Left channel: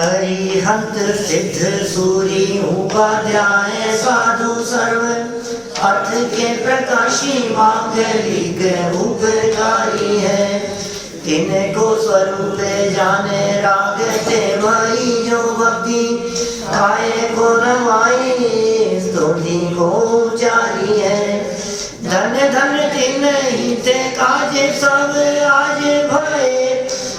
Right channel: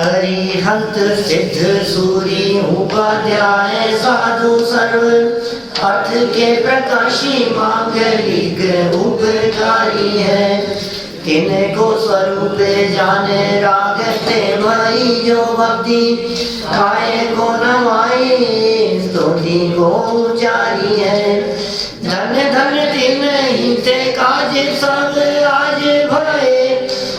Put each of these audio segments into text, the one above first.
अरिहंत सिद्ध सूरी उपाध्याय साधु सर्व अर्थ के प्रकाशी मांगलिक उपकारी है। तिनको स्वरूप जाने राग ते मई जो भक्ति खाए को नवाई स्तुति को उचारी है। धन धन तिन ही ते काज सब आज भय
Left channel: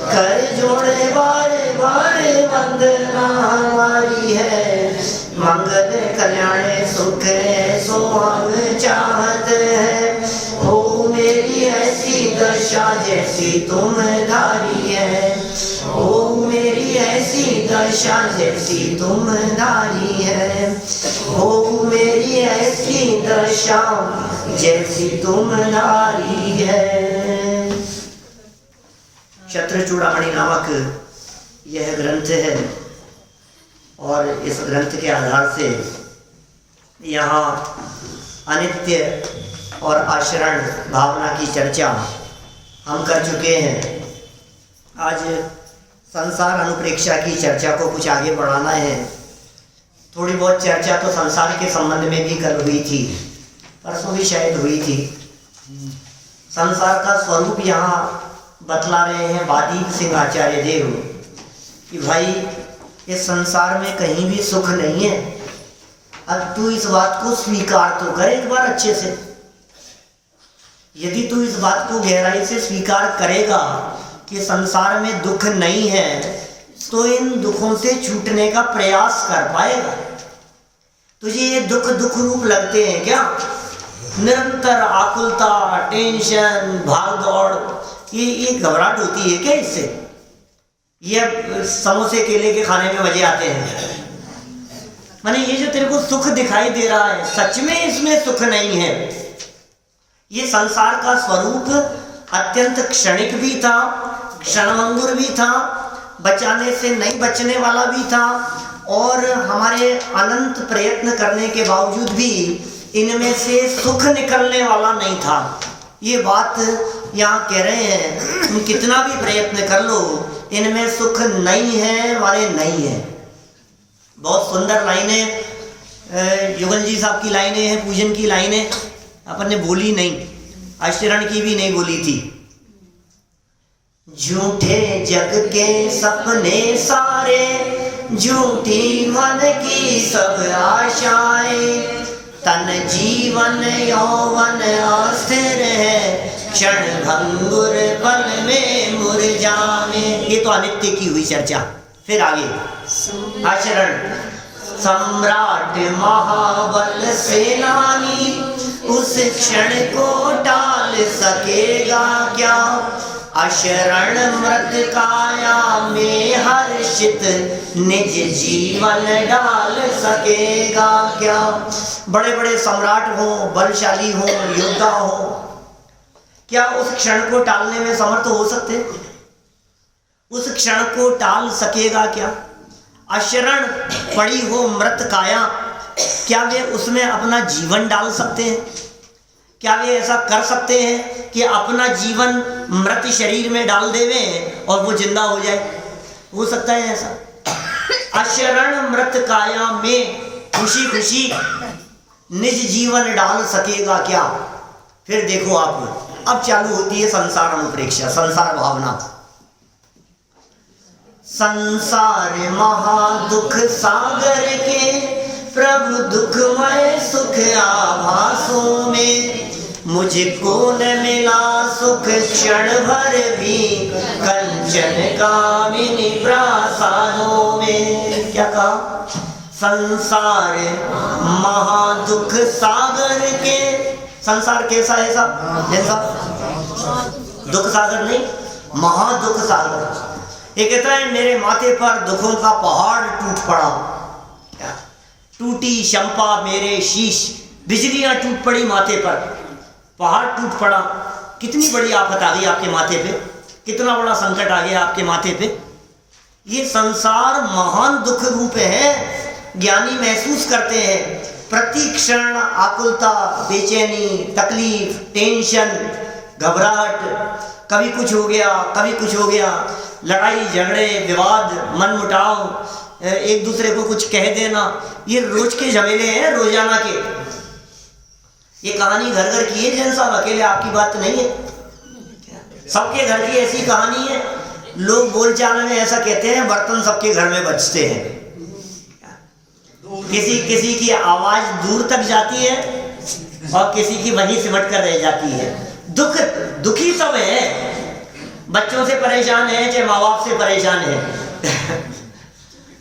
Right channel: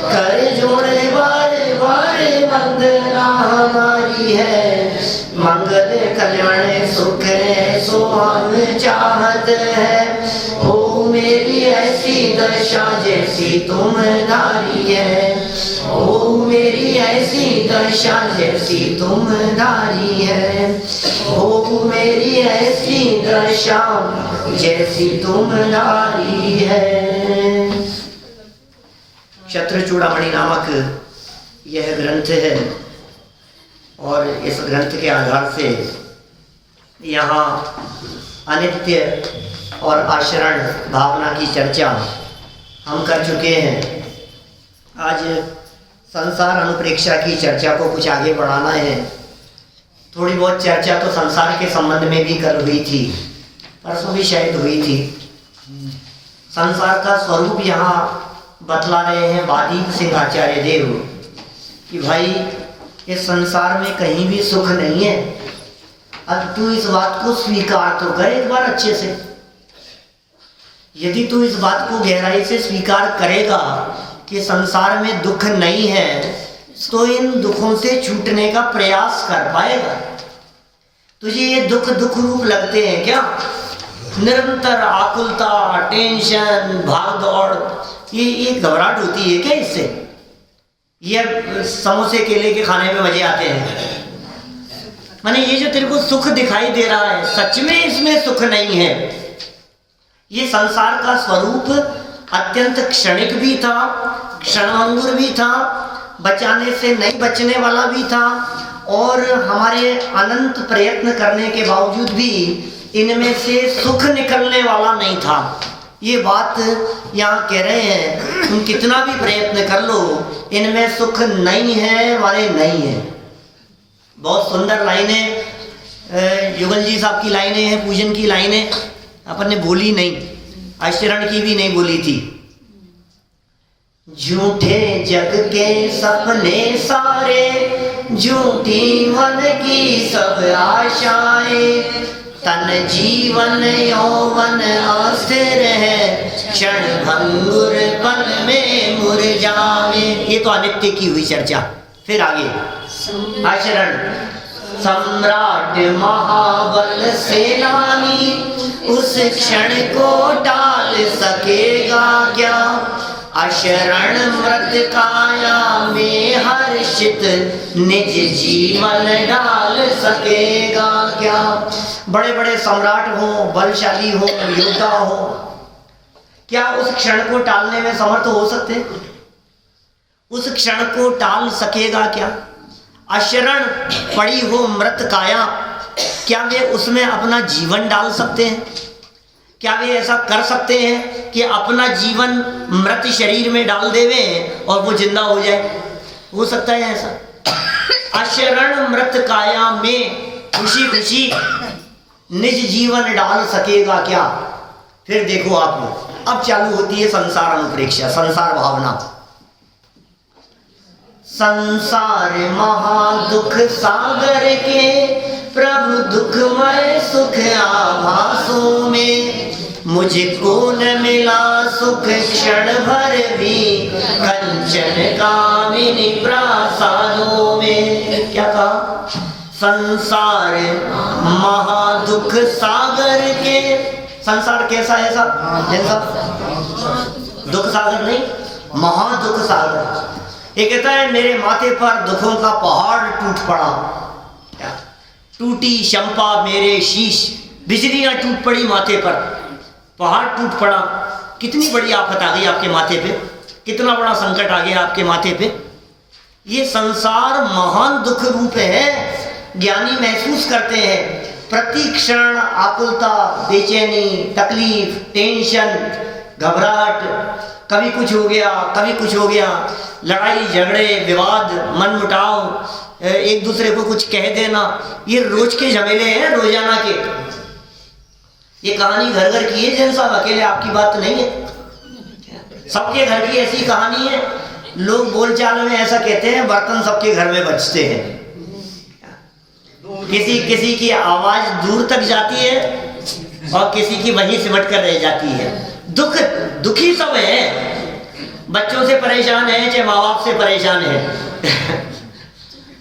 कर जोड़े बारे बारे वंदना हमारी है। मंगल कल्याण सुख सो हम चाहत है। ओ मेरी ऐसी दशा जैसी तुम धारी है। ओ मेरी ऐसी दशा जैसी तुम धारी है। ओ मेरी ऐसी दशा जैसी तुम धारी है। क्षत्रचूड़ामणि नामक यह ग्रंथ है और इस ग्रंथ के आधार से यहाँ अनित्य और आचरण भावना की चर्चा हम कर चुके हैं। आज संसार अनुप्रेक्षा की चर्चा को कुछ आगे बढ़ाना है। थोड़ी बहुत चर्चा तो संसार के संबंध में भी कल हुई थी, परसों भी शायद हुई थी। संसार का स्वरूप यहाँ बतला रहे हैं बादीप सिंह आचार्य देव कि भाई इस संसार में कहीं भी सुख नहीं है। अब तू इस बात को स्वीकार तो कर एक बार अच्छे से। यदि तू इस बात को गहराई से स्वीकार करेगा कि संसार में दुख नहीं है तो इन दुखों से छूटने का प्रयास कर पाएगा। तुझे ये दुख दुख रूप लगते हैं क्या? निरंतर आकुलता, टेंशन, भाग दौड़, ये घबराहट होती है क्या इससे? ये समोसे केले के खाने में मजे आते हैं? माने ये जो तेरे को सुख दिखाई दे रहा है सच में इसमें सुख नहीं है। ये संसार का स्वरूप अत्यंत क्षणिक भी था, क्षणभंगुर भी था, बचाने से नहीं बचने वाला भी था और हमारे अनंत प्रयत्न करने के बावजूद भी इनमें से सुख निकलने वाला नहीं था। ये बात यहाँ कह रहे हैं तुम कितना भी प्रयत्न कर लो इनमें सुख नहीं है, माने नहीं है। बहुत सुंदर लाइनें युगल जी साहब की लाइनें हैं, पूजन की लाइनें अपन ने बोली नहीं, आचरण की भी नहीं बोली थी। झूठे जग के सपने सारे, झूठी मन की सब आशाएं, तन जीवन यौवन अस्थिर है, क्षण भंगुर पल में मुरझावे। ये तो अनित्य की हुई चर्चा। फिर आगे आचरण। सम्राट महाबल सेनानी उस क्षण को टाल सकेगा क्या? अशरण मृत काया में हर्षित निज जीवन डाल सकेगा क्या? बड़े बड़े सम्राट हो, बलशाली हो, योद्धा हो, क्या उस क्षण को टालने में समर्थ हो सकते? उस क्षण को टाल सकेगा क्या? अशरण पड़ी हो मृत काया, क्या वे उसमें अपना जीवन डाल सकते हैं? क्या वे ऐसा कर सकते हैं कि अपना जीवन मृत शरीर में डाल देवे और वो जिंदा हो जाए? हो सकता है ऐसा? अशरण मृत काया में खुशी खुशी निज जीवन डाल सकेगा क्या? फिर देखो आप, अब चालू होती है संसार अनुप्रेक्षा, संसार भावना। संसार महादुख सागर के प्रभु दुखमय सुख आभासों में, मुझको न मिला सुख क्षण भर भी कंचन कामिनी प्रासादों में। क्या कहा? संसार महादुख सागर के। संसार कैसा है साहब? जैसा दुख सागर नहीं, महादुख सागर। ये कहता है मेरे माथे पर दुखों का पहाड़ टूट पड़ा। क्या? टूटी शंपा मेरे शीश, बिजलियां टूट पड़ी माथे पर, पहाड़ टूट पड़ा। कितनी बड़ी आफत आ गई आपके माथे पे, कितना बड़ा संकट आ गया आपके माथे पे। ये संसार महान दुख रूप है। ज्ञानी महसूस करते हैं प्रति क्षण आकुलता, बेचैनी, तकलीफ, टेंशन, घबराहट, कभी कुछ हो गया, कभी कुछ हो गया। लड़ाई झगड़े विवाद मन मुटाव, एक दूसरे को कुछ कह देना, ये रोज के झमेले हैं, रोजाना के। ये कहानी घर घर की है जैन साहब, अकेले आपकी बात नहीं है, सबके घर की ऐसी कहानी है। लोग बोलचाल में ऐसा कहते हैं, बर्तन सबके घर में बजते हैं, किसी किसी की आवाज दूर तक जाती है और किसी की वहीं सिमट कर रह जाती है। दुखी सब है, बच्चों से परेशान है, चाहे माँ बाप से परेशान है,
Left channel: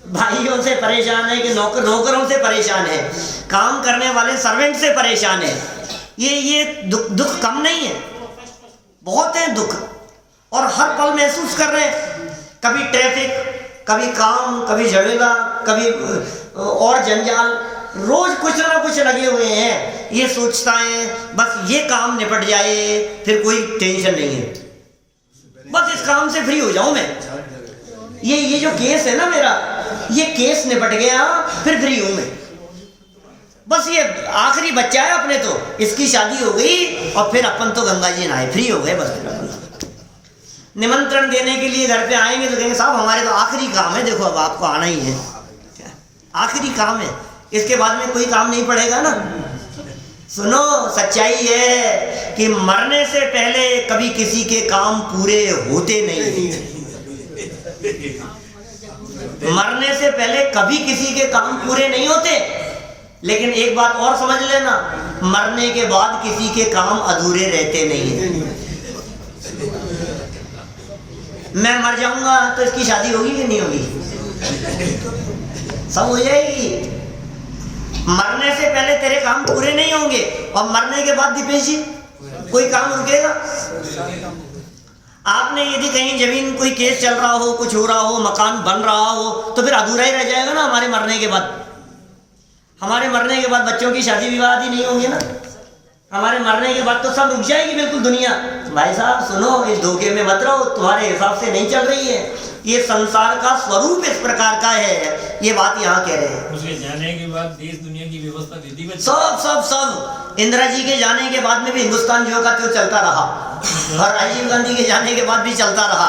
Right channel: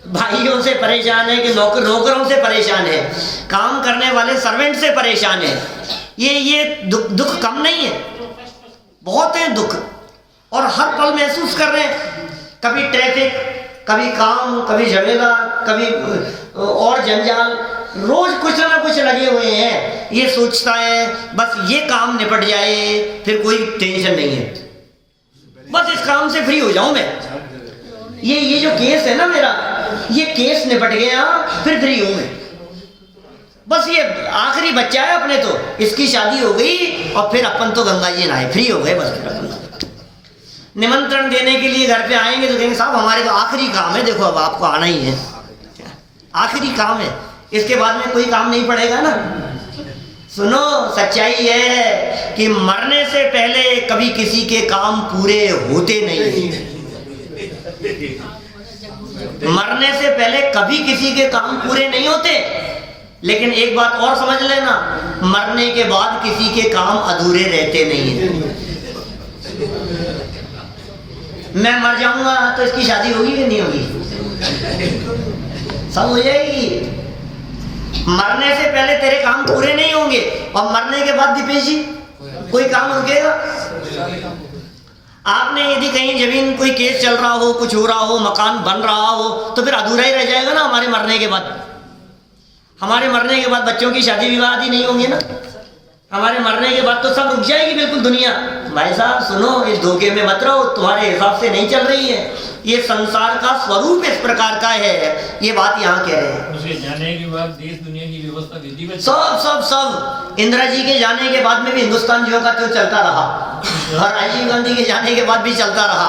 भाइयों से परेशान है कि नौकरों से परेशान है, काम करने वाले सर्वेंट से परेशान है। ये दुख कम नहीं है, बहुत है दुख, और हर पल महसूस कर रहे हैं। कभी ट्रैफिक, कभी काम, कभी झमेला, कभी और जंजाल, रोज कुछ ना कुछ लगे हुए हैं। ये सोचता है बस ये काम निपट जाए, फिर कोई टेंशन नहीं है, बस इस काम से फ्री हो जाऊं मैं। ये जो केस है ना मेरा, ये केस निपट गया, फिर फ्री हूं मैं। बस ये आखिरी बच्चा है अपने, तो इसकी शादी हो गई और फिर अपन तो गंगा जी नहाए, फ्री हो गए बस। फिर अपन निमंत्रण देने के लिए घर पे आएंगे तो कहेंगे साहब हमारे तो आखिरी काम है, देखो अब आपको आना ही है, आखिरी काम है, इसके बाद में कोई काम नहीं पड़ेगा ना। सुनो, सच्चाई है कि मरने से पहले कभी किसी के काम पूरे होते नहीं, मरने से पहले कभी किसी के काम पूरे नहीं होते। लेकिन एक बात और समझ लेना, मरने के बाद किसी के काम अधूरे रहते नहीं है। मैं मर जाऊंगा तो इसकी शादी होगी कि नहीं होगी? सब हो जाएगी। मरने से पहले तेरे काम पूरे नहीं होंगे, और मरने के बाद दीपेश जी कोई काम रुकेगा? आपने यदि कहीं जमीन कोई केस चल रहा हो, कुछ हो रहा हो, मकान बन रहा हो, तो फिर अधूरा ही रह जाएगा ना हमारे मरने के बाद। हमारे मरने के बाद बच्चों की शादी विवाह ही नहीं होंगे ना, हमारे मरने के बाद तो सब रुक जाएगी बिल्कुल दुनिया। भाई साहब सुनो, इस धोखे में मत रहो, तुम्हारे हिसाब से नहीं चल रही है। ये संसार का स्वरूप इस प्रकार का है, ये बात यहाँ कह रहे हैं। उसके जाने के बाद देश दुनिया की व्यवस्था सब इंदिरा जी के जाने के बाद में भी हिंदुस्तान जो का त्यों चलता रहा, और राजीव गांधी के जाने के बाद भी चलता रहा।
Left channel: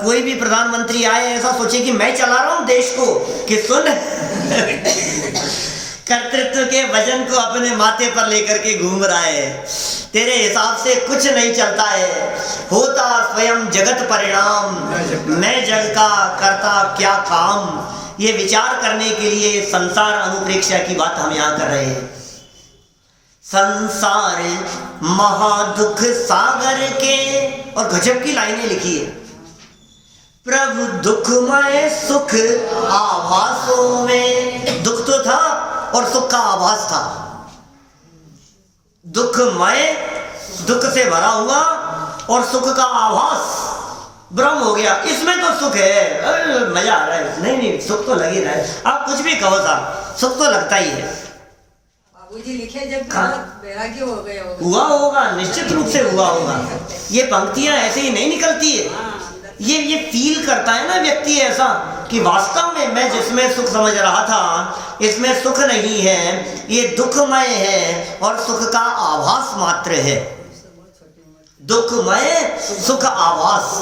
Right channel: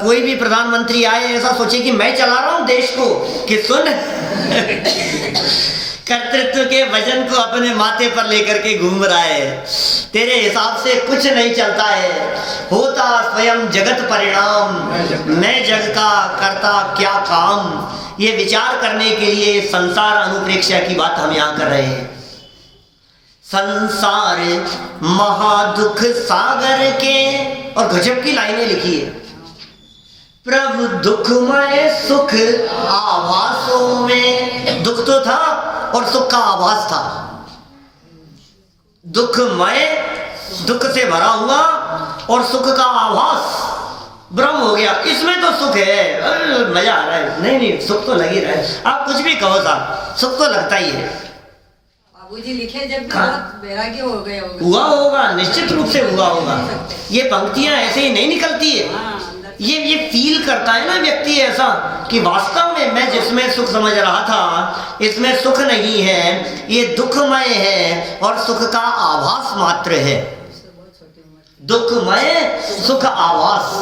कोई भी प्रधानमंत्री आए ऐसा सोचे कि मैं चला रहा हूं देश को, कि सुन कर्तृत्व के वजन को अपने माथे पर लेकर के घूम रहा है, तेरे हिसाब से कुछ नहीं चलता है, होता स्वयं जगत परिणाम, मैं जग का करता क्या काम। ये विचार करने के लिए संसार अनुप्रेक्षा की बात हम यहाँ कर रहे हैं। संसार महादुख सागर के, और गजब की लाइनें लिखी है, प्रभु दुखमय सुख आभासों में। दुख तो था और सुख का आभास था। दुखमय, दुख से भरा हुआ, और सुख का आभास, ब्रह्म हो गया, इसमें तो सुख है, मजा आ रहा है। नहीं सुख तो लग ही रहा है, आप कुछ भी कहो साहब, सुख तो लगता ही है। बाबूजी लिखे जब वैराग्य हो गए हुआ होगा, निश्चित रूप से हुआ होगा। ये पंक्तियां ऐसे ही नहीं निकलती है, ये फील करता है ना व्यक्ति ऐसा कि वास्तव में मैं जिसमें सुख समझ रहा था, इसमें सुख नहीं है, ये दुखमय है और सुख का आभास मात्र है। दुखमय सुख आभास,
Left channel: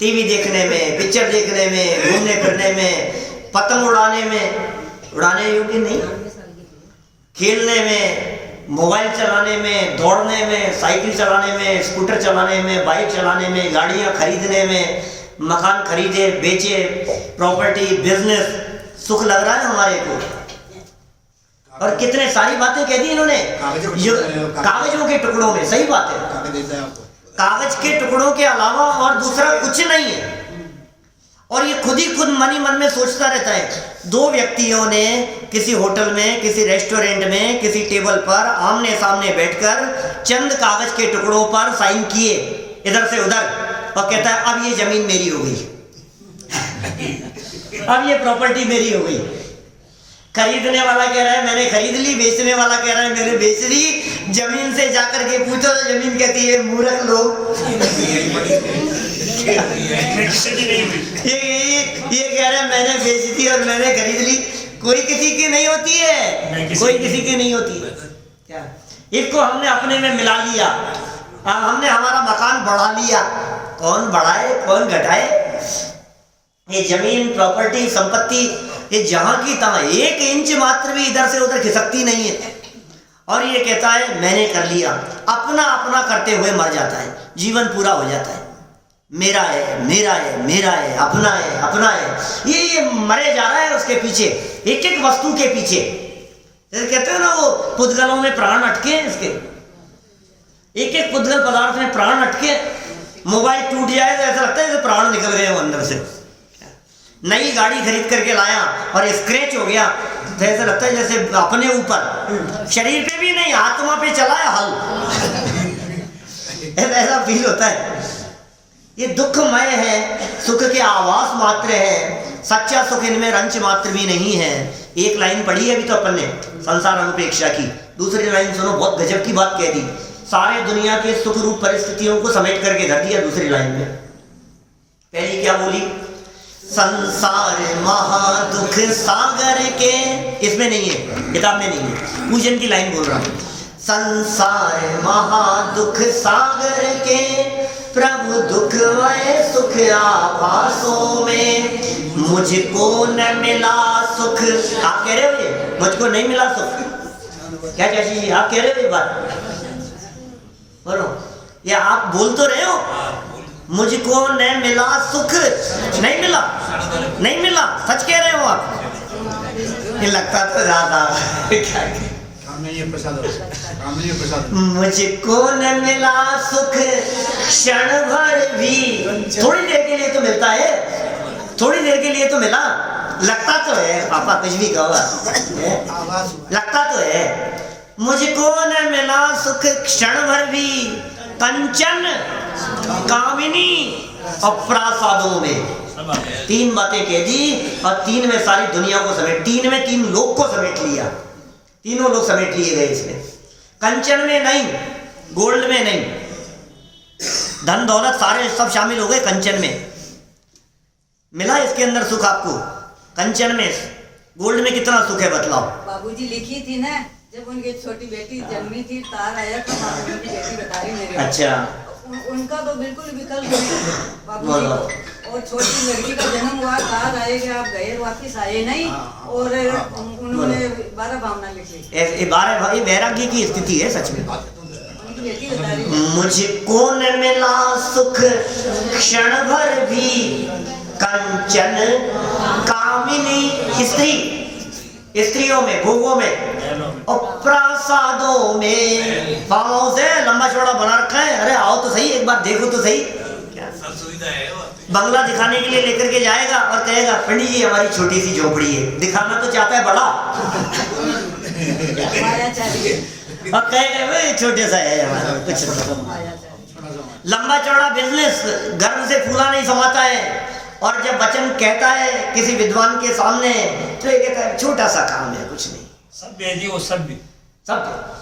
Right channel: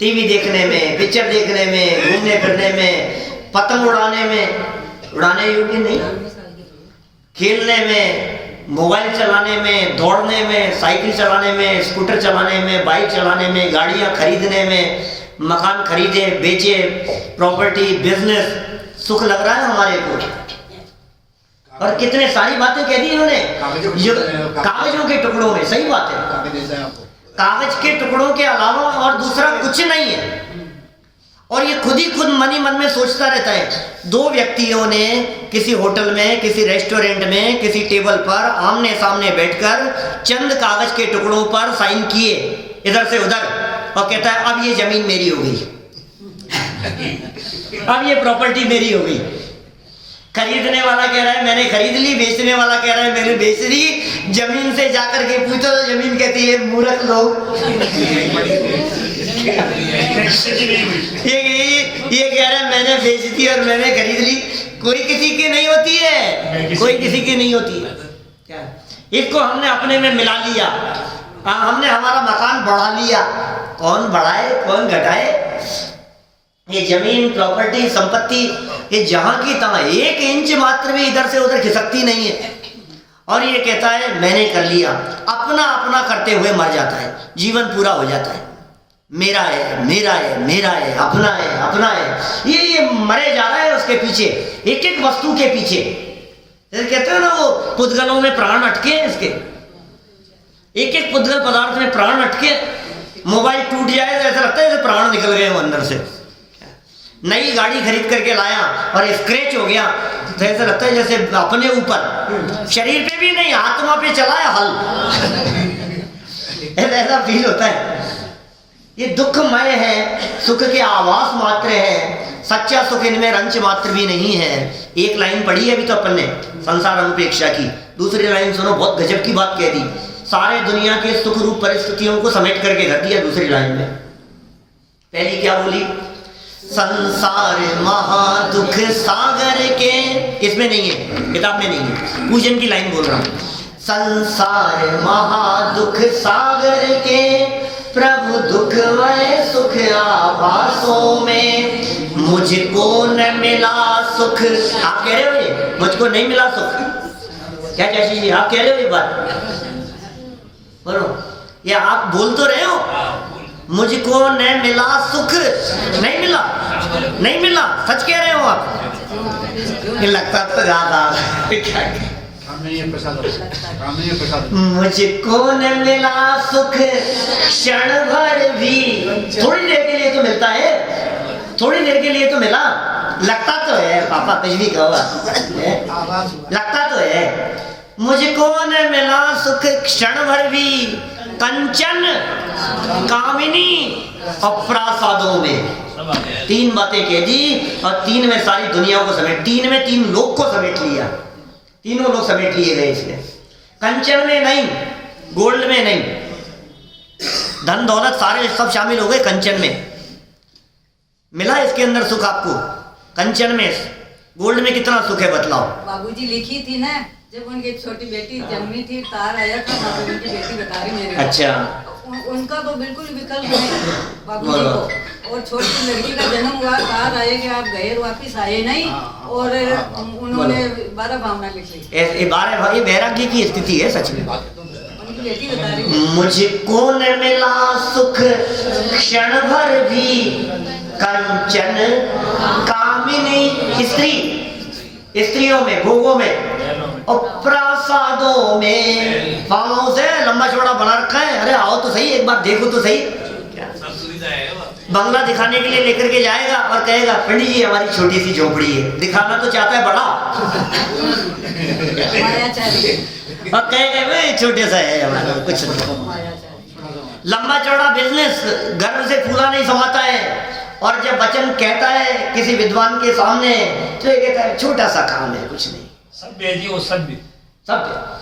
टीवी देखने में, पिक्चर देखने में, घूमने फिरने में, पतंग उड़ाने में, उड़ाने योग्य नहीं, खेलने में, मोबाइल चलाने में, दौड़ने में, साइकिल चलाने में, स्कूटर चलाने में, बाइक चलाने में, गाड़ियां खरीदने में, मकान खरीदे बेचे, प्रॉपर्टी, बिजनेस, सुख लग रहा है हमारे को। और कितने सारी बातें कह दी इन्होंने कागजों के टुकड़ों में। सही बात है, कागज के टुकड़ों के अलावा और दूसरा कुछ नहीं है। और ये खुद ही खुद मन ही मन में सोचता रहता है। दो व्यक्तियों ने किसी होटल में, किसी रेस्टोरेंट में, किसी टेबल पर आमने सामने बैठकर चंद कागज के टुकड़ों पर साइन किए इधर से उधर, और कहता है अब ये जमीन मेरी हो गई अब ये प्रॉपर्टी मेरी हो गई। खरीदने वाला कह रहा है मैंने खरीद ली, बेचने वाला कह रहा है मैंने बेच ली। जमीन से जाकर के पूछो तो जमीन कहती है मूर्ख लोग ये कह रहा है मैंने बेच दी और मैंने खरीद ली। कोई किसी की नहीं होती है, कोई किसी की नहीं होती है। क्या इसको हमने अपने में मिला लिया, हमने हमारा मकान बढ़ा लिया, कौन बढ़ाए कौन घटाए? ये जमीन प्रॉपर्टी संपत्ति ये जहां की तहां 1 इंच मात्र भी इधर से उधर खिसकती नहीं है। और ये कहता है मैंने कर लिया, अपना अपना करते हुए मर जाता है, जीवन पूरा हो जाता है। मेरा है मेरा है मेरा है, अपना है अपना है, ये मरे जा रहा है उसके पीछे, एक एक वस्तु के पीछे। कहते हैं ना वो पुद्गलों में प्राण अटके हैं इसके, एक एक पुद्गल पदार्थ में प्राण अटके। मोबाइल टूट जाए तो ऐसा लगता है जैसे प्राण निकल गए वो अंदर से। नई गाड़ी खरीद करके लाया और स्क्रैच हो गया तो ऐसा लगता है जैसे अपने ऊपर, शरीर पे भी नहीं आत्मा पे चला है हल। ऐसा फील होता है। ये दुखमय है, सुख के आवास मात्र है, सच्चा सुख इनमें रंच मात्र भी नहीं है। एक लाइन पढ़ी है अभी तो अपन ने संसार अनुपेक्षा की, दूसरी लाइन सुनो, बहुत गजब की बात कह दी। सारे दुनिया के सुख रूप परिस्थितियों को समेट करके धर दिया दूसरी लाइन में। पहली क्या बोली? संसार महादुख सागर के, इसमें नहीं है, किताब में नहीं है, पूजन की लाइन बोल रहा हूं। संसार महादुख सागर के, प्रभु दुख वह सुख आभासों में, मुझको न मिला सुख। आप कह रहे हो ये मुझको नहीं मिला सुख? क्या चाची जी आप कह रहे हो ये बात? बोलो, या आप बोल तो रहे हो मुझको न मिला सुख? नहीं मिला, नहीं मिला, सच कह रहे हो आप? ये लगता तो ज्यादा क्या मुझको न मिला सुख क्षण भर भी। थोड़ी देर के लिए तो मिलता है, थोड़ी देर के लिए तो मिला, लगता तो है। पापा कुछ भी कहो, लगता तो है। मुझको न मिला सुख क्षण भर भी, कंचन कामिनी और प्रासादों में। 3 बातें कह दी और 3 में सारी दुनिया को समेट, 3 में 3 लोग को समेट लिया, तीनों लोग समेट लिए गए इसमें। कंचन में नहीं, गोल्ड में नहीं, धन दौलत सारे सब शामिल हो गए कंचन में। मिला इसके अंदर सुख आपको कंचन में? गोल्ड में कितना सुख है बतलाओ? बाबूजी लिखी थी ना, जब उनकी छोटी बेटी जन्मी थी, तार आया था, उनकी बेटी बता रही मेरे। अच्छा, उनका तो बिल्कुल विकल्प नहीं बाबूजी को। और छोटी लड़की का जन्म हुआ, तार आए कि आप गए वापिस आए नहीं, और उन्होंने 12 भावना लिखी। 12 ये वैराग्य की स्थिति है सच में। उनकी बेटी बता रही, मुझको न मिला सुख क्षण भर भी, कंचन कामिनी, स्त्रियों में, भोगों में और प्रासादों में। फार्म हाउस है, लंबा चौड़ा बना रखा है, अरे आओ तो सही, एक बार देखो तो सही। बंगला दिखाने के लिए लेकर के जाएगा और कहेगा पंडित जी हमारी छोटी सी झोपड़ी है, दिखाना तो चाहता है बड़ा और कहेगा वे छोटे सा है हमारा, कुछ नहीं। लंबा चौड़ा बिजनेस गर्व से फूला नहीं समाता है, और जब वचन कहता है किसी विद्वान के सामने तो ये कहता है छोटा सा काम है, कुछ नहीं। सभ्य जी, वो सभ्य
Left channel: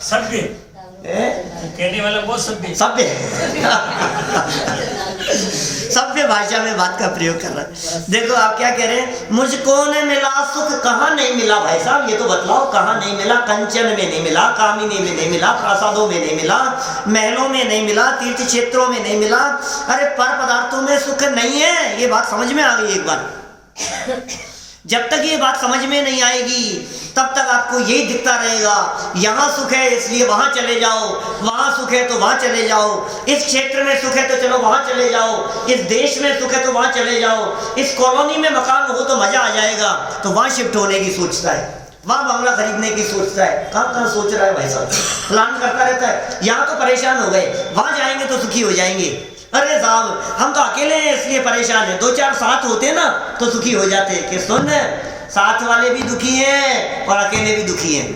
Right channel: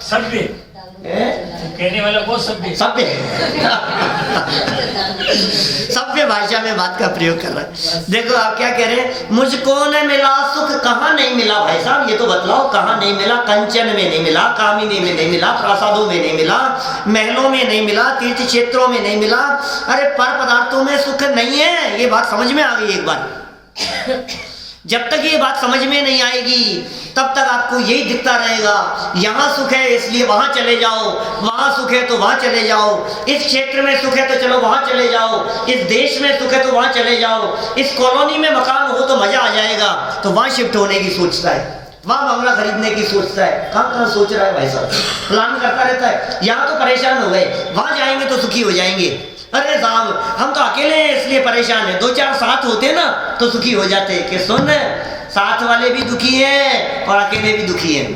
सभ्य कहने वाला वो सभ्य सभ्य भाषा में बात का प्रयोग कर रहा है। देखो आप क्या कह रहे हैं, मुझको न मिला सुख। कहाँ नहीं मिला भाई साहब, ये तो बतलाओ कहाँ नहीं मिला? कंचन में नहीं मिला, कामिनी में नहीं मिला, प्रासादों में नहीं मिला, महलों में नहीं मिला, तीर्थ क्षेत्रों में नहीं मिला। अरे पर पदार्थों में सुख नहीं है, ये बात समझ में आ गई एक बार। जब तक ये बात समझ में नहीं आएगी तब तक आपको यही दिखता रहेगा, यहाँ सुख है इसलिए वहाँ चले जाओ, वहाँ सुख है तो वहाँ चले जाओ, इस क्षेत्र में सुख है तो चलो वहाँ चले जाओ, इस देश में सुख है तो वहाँ चले जाओ, इस कॉलोनी में मकान हो तो मजा आ जाएगा तो वहाँ शिफ्ट होने की सोचता है, वहाँ बंगला खरीदने की सोचता है। कहाँ कहाँ सोच रहा है भाई साहब, प्लान करता रहता है। यहाँ तो परेशान हो गए, वहाँ जाएंगे तो सुखी हो जाएंगे। अरे साहब हम तो अकेले हैं इसलिए परेशान है, 2-4 साथ होते ना तो सुखी हो जाते। कि सुन, साथ वाले भी दुखी हैं और अकेले भी दुखी हैं।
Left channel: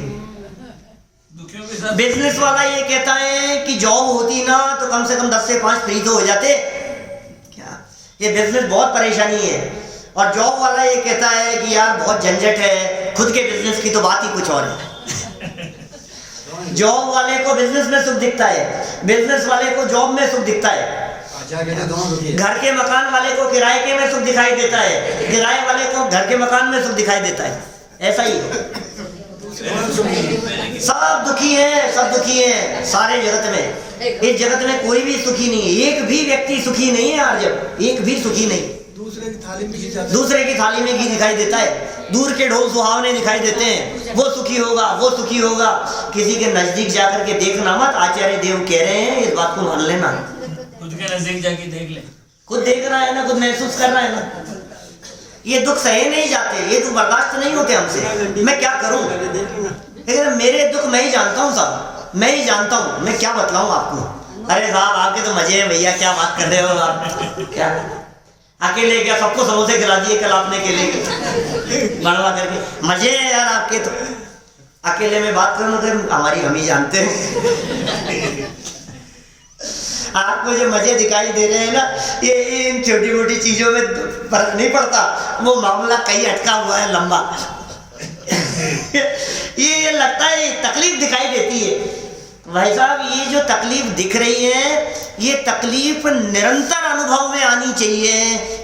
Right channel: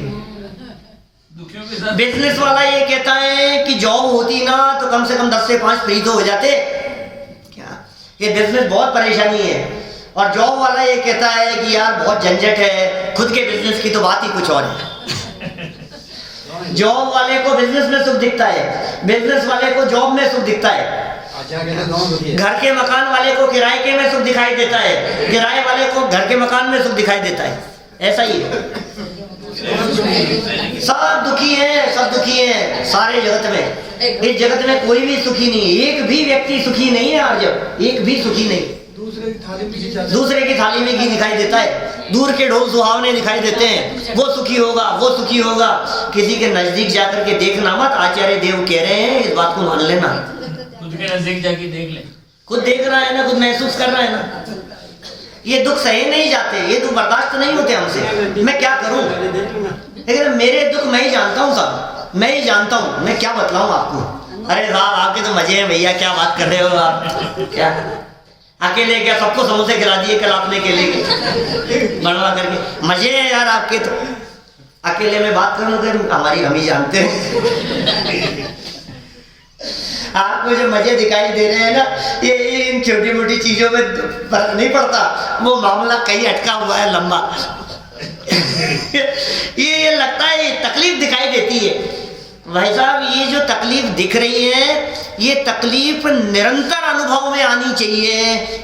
बिजनेस वाला ये कहता है कि जॉब होती ना तो कम से कम 10 से 5 फ्री तो हो जाते। क्या ये बिजनेस बहुत परेशानी है। और जॉब वाला ये कहता है कि यार बहुत झंझट है, खुद के बिजनेस की तो बात ही कुछ और है। जॉब वाले को बिजनेस में सुख दिखता है, बिजनेस वाले को जॉब में सुख दिखता है। घर के मकान वाले को किराए के में सुख दिखाई देता है, किराए वाले को घर के मकान में सुख दिखाई देता है। ऐसा ही है, सब दुखी हैं, सब दुखी हैं सारे जगत में। इस जगत में कोई भी सुखी नहीं है, एक भी व्यक्ति सुखी नहीं है यार, जब एक भी सुखी नहीं। दूसरे की थाली में घी दिखाई देता है, दूर के ढोल सुहावने दिखाई देते हैं, वो सुखी होगा, वो सुखी होगा। किसी के नजदीक जाकर के देखना मत, आचार्य देव कह रहे हैं इस बात को मान लेना। खुद के नजदीक जाके देख ले, खुद देख रहा है ना, खुद महसूस कर रहा है ना। ये दुख सहे नहीं जाते, ये दुख बर्दाश्त नहीं होते हमसे। मैं क्या करूं, लेकिन मेरे दुख मैं ही जानता हूँ साहब, मैं ही जानता हूँ, मैं क्या बतलाऊं आपको। अरे साहब आपके तो मजे हैं भैया, क्या बात कर रहे हो आप, क्या अकेले क्या सबको समोसे खिला दिए कल आपने, केले बनवा करके, मजे हैं यार आपके तो। अकेले में बात करूँ तो हमारी हम ही जानते हैं। आपको जो मजे दिखाई दे रहे हैं ना, ये इन छोटी मोटी चीजों में फर्क नहीं पड़ता, वो मामला कहीं अटका हुआ है लंबा। ये लगता है तकलीफ दिखाई देती है भाई साहब, ये जो तकलीफ दिख रही है ये तकलीफ निरंतर अनुभव में आनी चाहिए।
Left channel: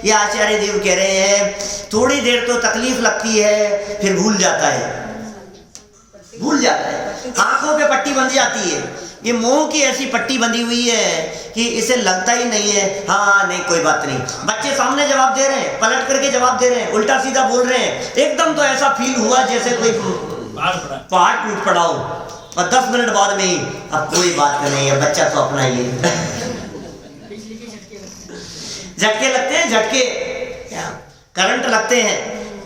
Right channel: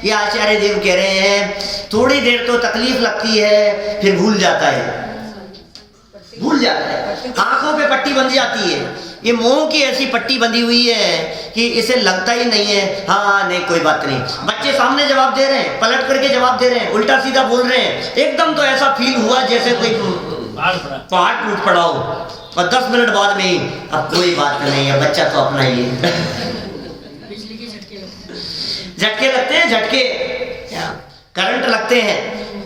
ये आचार्य देव कह रहे हैं थोड़ी देर तो तकलीफ लगती है, फिर भूल जाता है, भूल जाता है, आंखों पे पट्टी बंध जाती है। ये मोह की ऐसी पट्टी बंधी हुई है कि इसे लगता ही नहीं है हाँ नहीं कोई बात नहीं। बच्चे सामने जवाब दे रहे हैं, पलट करके जवाब दे रहे हैं, उल्टा सीधा बोल रहे हैं, एकदम तो ऐसा फील हुआ जैसे कोई पहाड़ टूट पड़ा हो, और 10 मिनट बाद में ही अब कोई बात नहीं है, बच्चा तो अपना ही है। झटके लगते हैं, झटके करंट लगते हैं,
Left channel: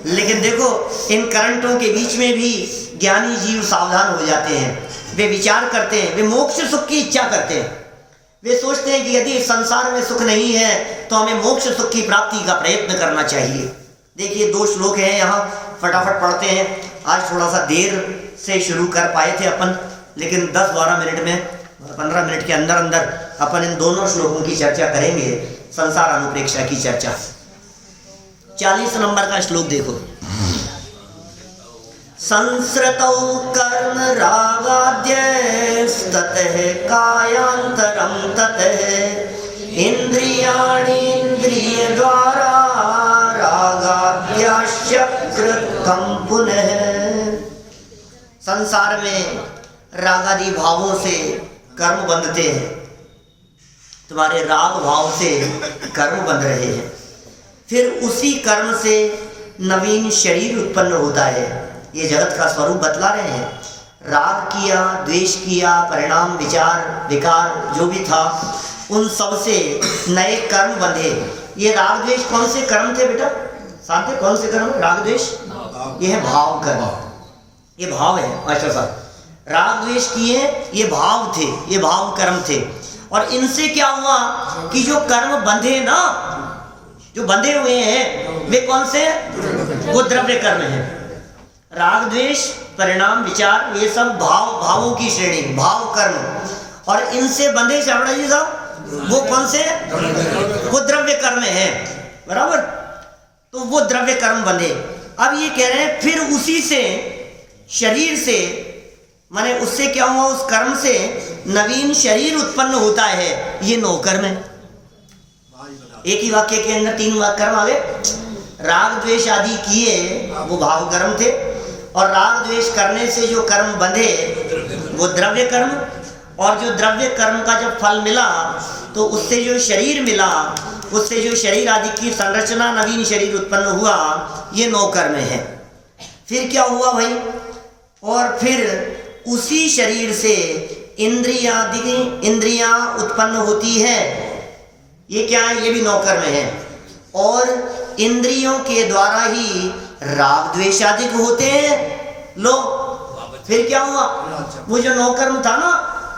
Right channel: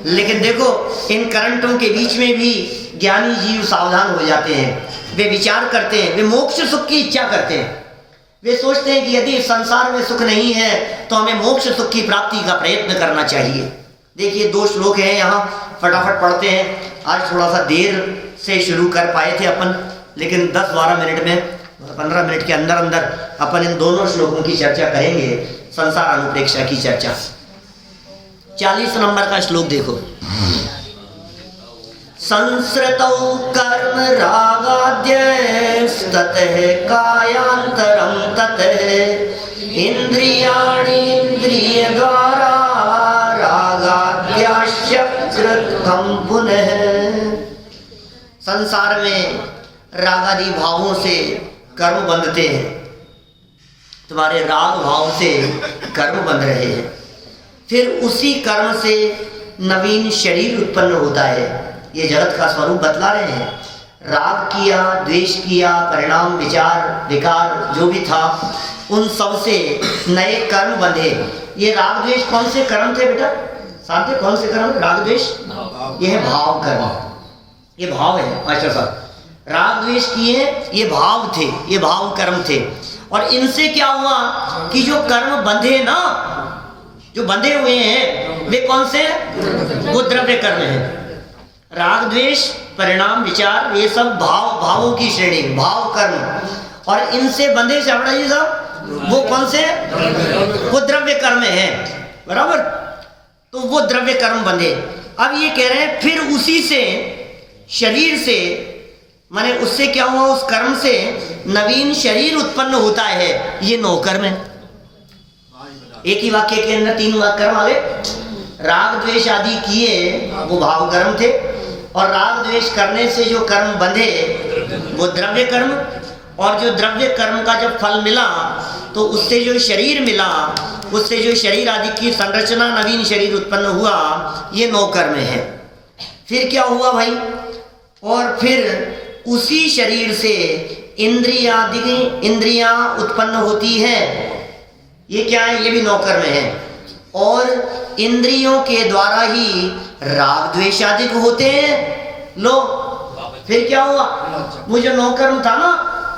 लेकिन देखो इन करंटों के बीच में भी ज्ञानी जीव सावधान हो जाते हैं। वे विचार करते हैं, वे मोक्ष सुख की इच्छा करते हैं। वे सोचते हैं कि यदि इस संसार में सुख नहीं है तो हमें मोक्ष सुख की प्राप्ति का प्रयत्न करना चाहिए। देखिए 2 श्लोक हैं यहाँ, फटाफट पढ़ते हैं। आज थोड़ा सा देर से शुरू कर पाए थे अपन, लेकिन 10-12 मिनट में 15 मिनट के अंदर अंदर अपन इन दोनों श्लोकों की चर्चा करेंगे, संसार अनुप्रेक्षा की चर्चा। 40 नंबर का श्लोक देखो। संस्कृतौ कर्म रागाद्यस्ततः कायांतरं ततः इंद्रियाणीन्द्रियद्वारा रागाद्याश्च कृतं पुनः। संसार में रागादि भावों से कर्म बंधते हैं, तुम्हारे राग भाव से कर्म बंध रहे हैं, फिर उसी कर्म से नवीन शरीर उत्पन्न होता है। ये जगत का स्वरूप बतला रहे हैं। राग किया, द्वेष किया, परिणाम, विचार, विकार जो भी था उन सब से नए कर्म बंधे। ये राग द्वेष कौन से कर्म थे बेटा? साथ कौन से कर्म? राग द्वेष ये है भाव कर्म, ये भाव है मास्टर साहब। राग द्वेष किए ये भाव थे, ये भाव कर्म थे। और इनसे क्या हुआ कि जो कर्म बंधे ना, जो बंधे हुए हैं वे कौन से? वो द्रव्य कर्म है। राग द्वेष, परिणाम, विचार ये सब भावों की श्रेणी, भाव कर्म। और इनसे बंधे चावड़ा जी साहब वो कौन से? वो द्रव्य कर्म है, बराबर। तो वो द्रव्य कर्म बंधे। अब ये कह रहे हैं फिर उसी से शरीर से, माने उससे क्या हुआ? उस कर्म से नवीन शरीर उत्पन्न होता है। ये 9 कर्म है। एक ही वाक्य के अंदर 3 कर्म आ गए। राग द्वेष आदि किए वो भाव कर्म थे, और राग द्वेष करने से जो कर्म बंधे वो द्रव्य कर्म। और जो द्रव्य कर्म का जब फल मिला तो उससे जो शरीर मिला, उससे जो शरीर आदि की संरचना, नवीन शरीर उत्पन्न हुआ, ये 9 कर्म है। फिर क्या हुआ भाई? और फिर उसी शरीर से इंद्रियां उत्पन्न होती है। ये क्या है? ये भी 9 कर्म है। और इंद्रियों के द्वारा ही राग द्वेषादिक होते हैं। लो फिर क्या हुआ? वो जो 9 कर्म था ना